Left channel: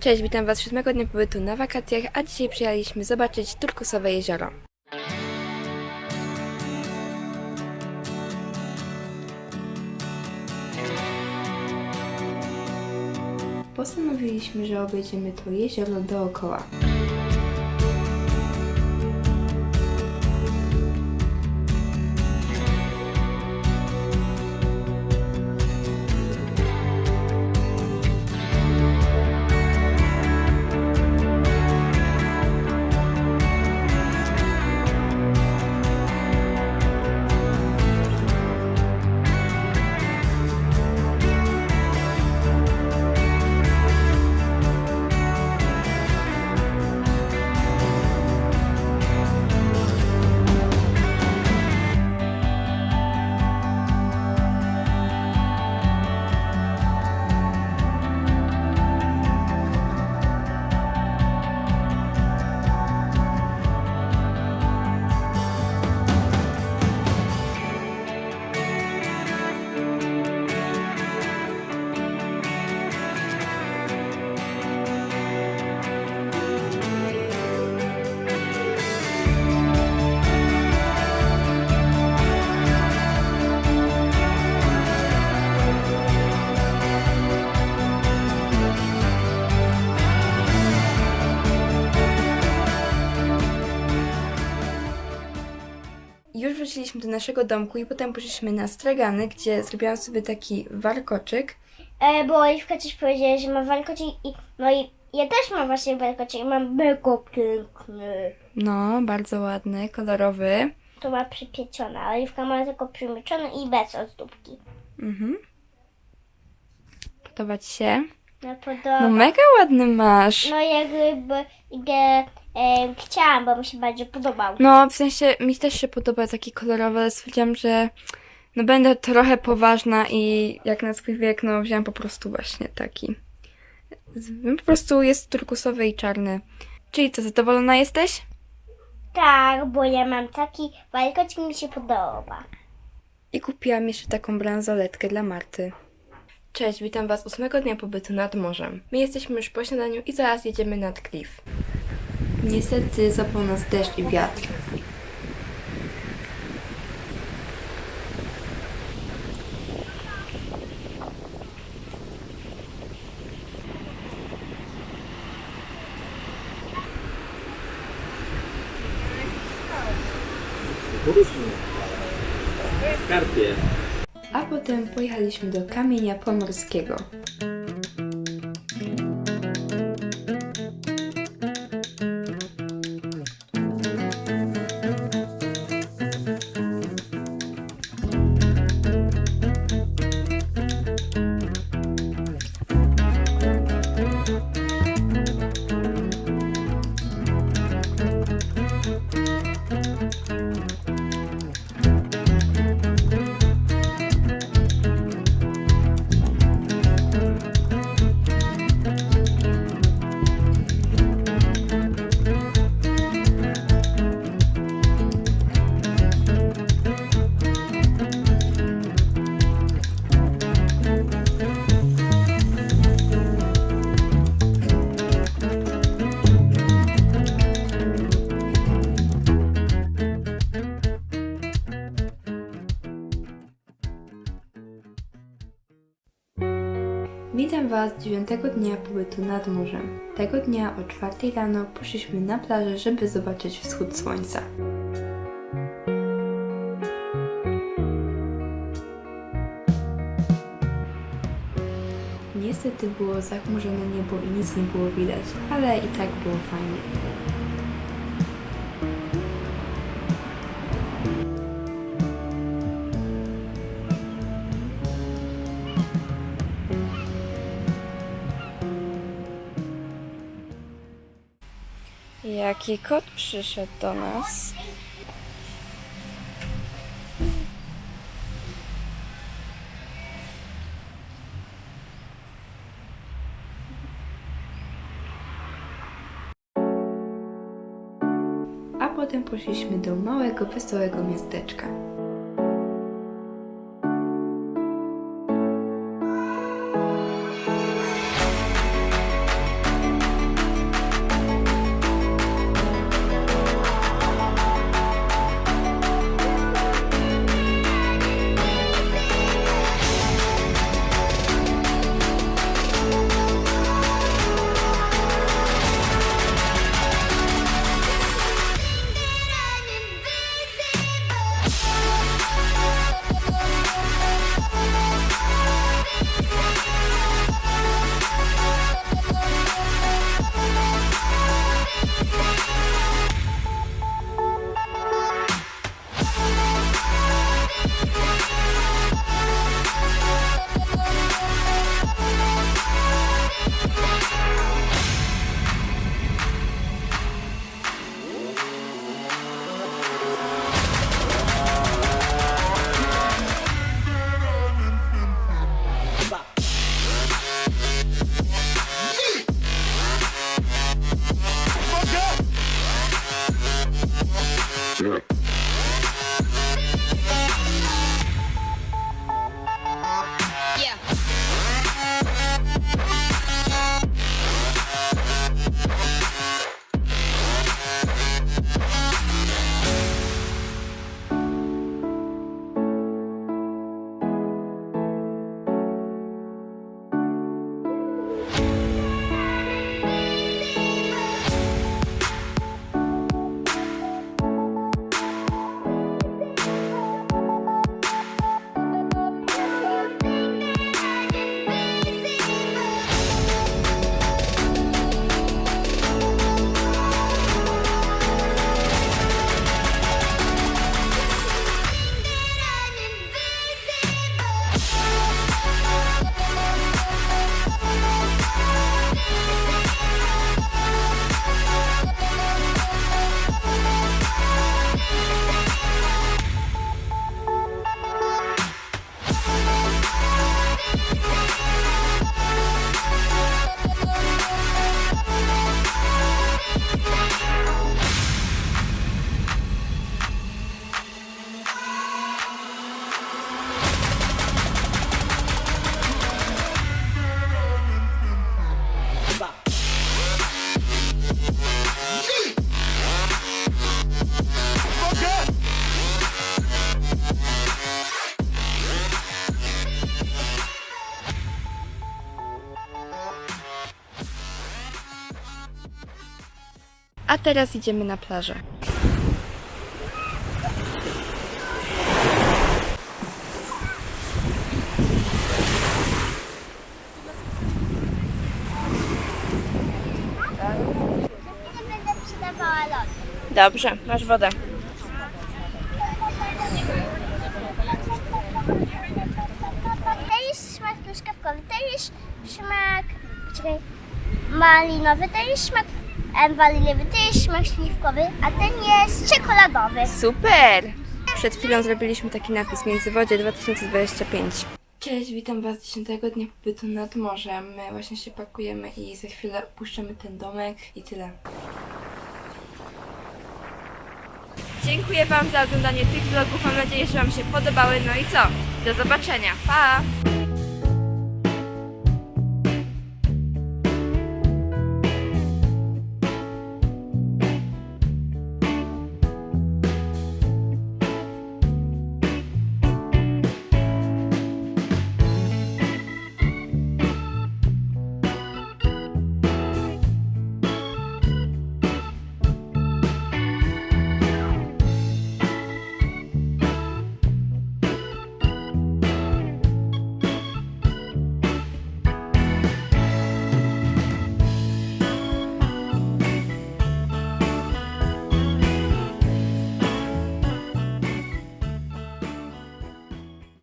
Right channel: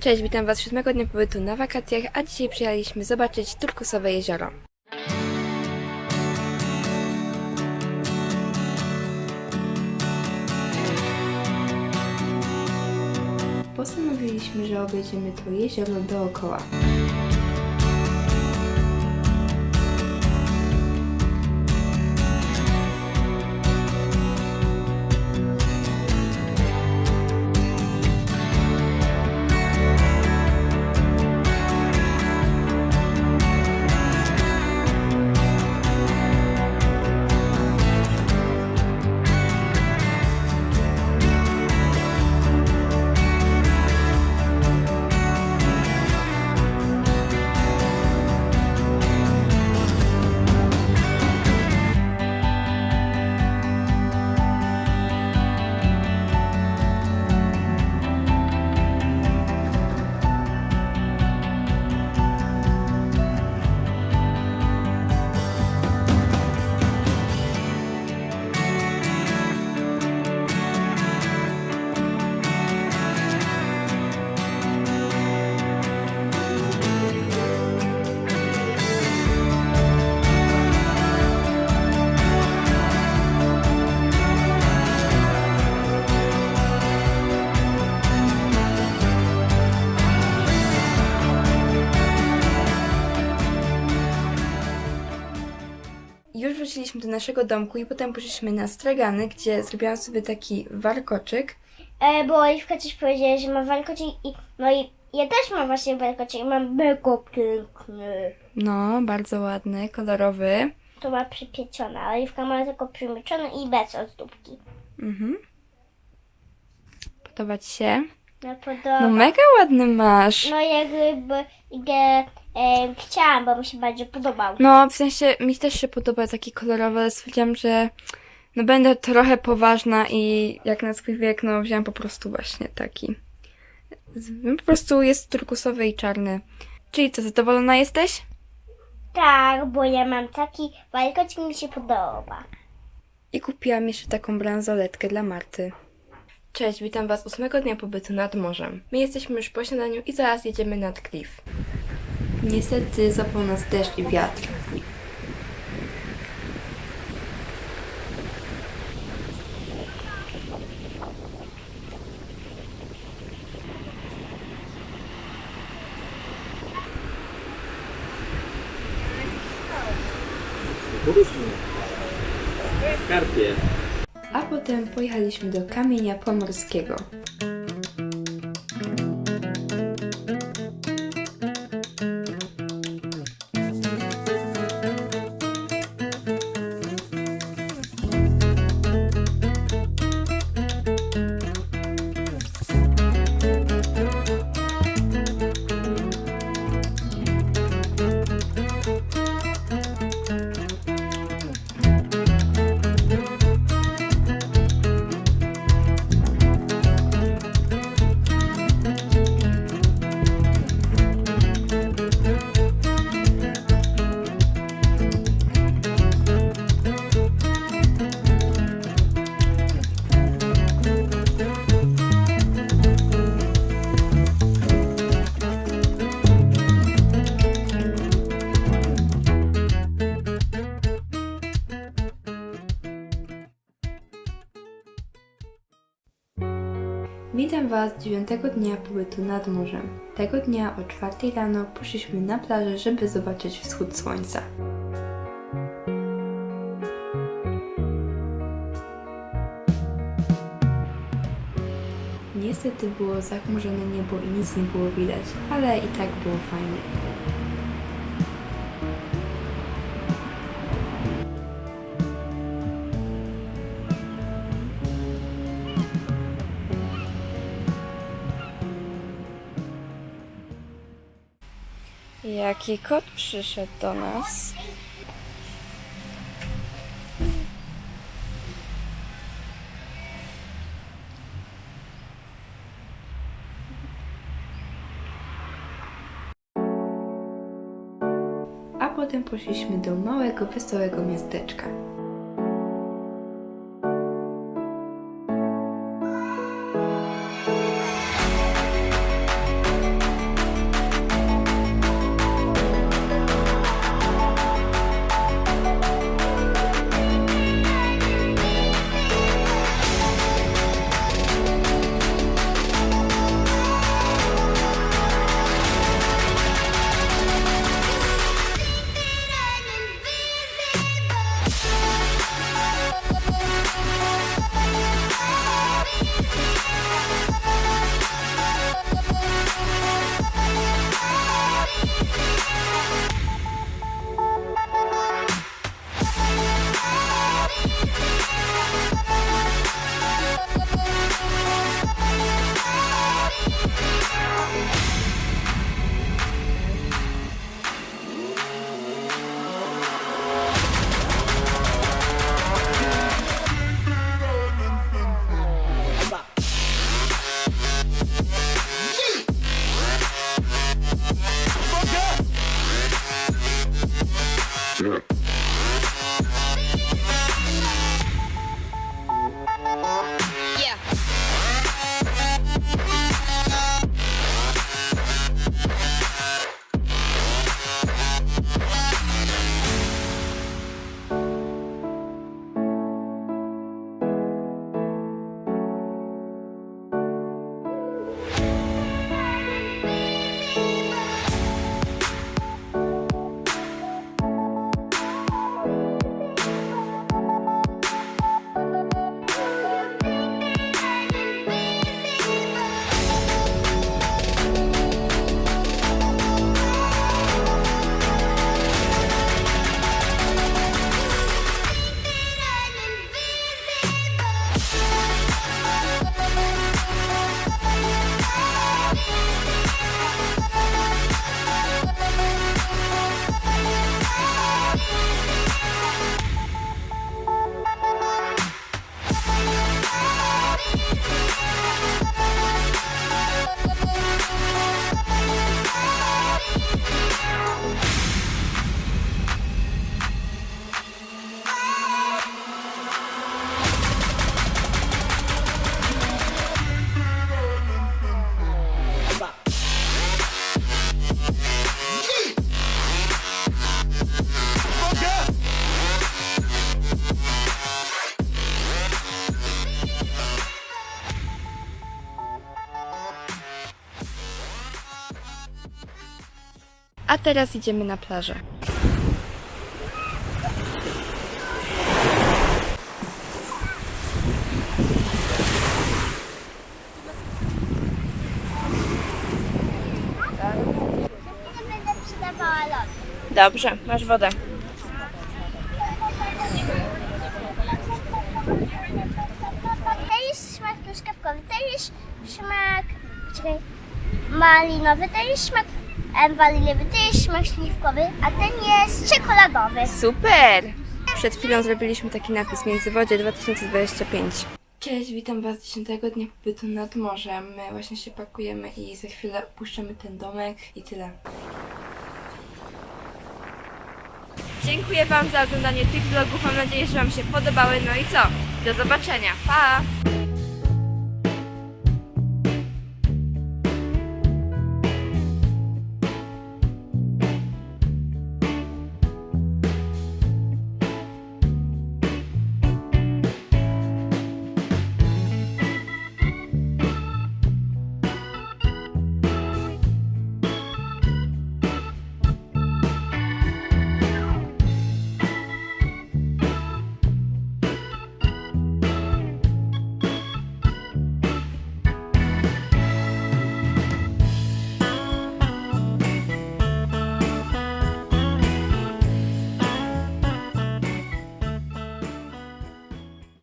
Cześć, witam Was siódmego dnia pobytu na wakacjach, a dzisiaj przyjechaliśmy zobaczyć turkusowe jezioro. Postanowiliśmy, że obejdziemy to jezioro dookoła. Wróciliśmy do naszego domku i potem poszliśmy na stragany, gdzie zrobiłam sobie taki warkoczyk. E, bo Oliwka coś powiedziała, że ma warkoczyk i no i ja też mam właśnie warkoczyk i mam mega piękny. No, bardzo ładny, kolorowy. To ma przypieczone, a Oliwka ma tylko przymieczone i bez ozdóbki. Mhm. Podoba Ci się? No podoba. No mega ładny masz. No jakby e, e, chciałam, bo mi się bardziej podobał. No, w sensie mi też się podoba taki kolorowy, ale stwierdziłam, że no będę trochę poważna i jak na swój wiek, no wziąłam po prostu właśnie taki. Z- Po prostu jest turkusowy i czarny. Czyli co, zadowolona jesteś? Tak, bo ja mam taki warkoczyk mi się podoba. I kupiłam jeszcze taką bransoletkę dla Marty. Cześć, witam Was ósmego dnia pobytu nad morzem. My jesteśmy już po śniadaniu i zaraz jedziemy nad klif. Niestety zapał nas deszcz i wiatr. A potem pojechaliśmy do kamienia pomorskiego. Witam Was dziewiątego dnia pobytu nad morzem. Tego dnia o czwartej rano poszliśmy na plażę, żeby zobaczyć wschód słońca. Niestety było zachmurzone niebo i nic nie było widać, ale i tak było fajnie. Jaki kot przyszedł do nas? A potem poszliśmy do małego, wesołego miasteczka. A teraz idziemy na plażę. Dobrze, masz wodę. To jest smak truskawkowy, to jest smak malinowy, to jest smak waniliowy, to jest smak śliwkowy, a ten jest czekoladowy. Super! Przed chwilą zrobiliśmy taki napis Międzywodzie 2025. Cześć, witam Was 10 dnia pobytu nad morzem. My właśnie się pakujemy i za chwilę opuszczamy ten domek i tyle. Dziękuję Wam za oglądanie tych vlogów. Mam nadzieję, że Wam się podobały. No i co? Do zobaczenia. Pa!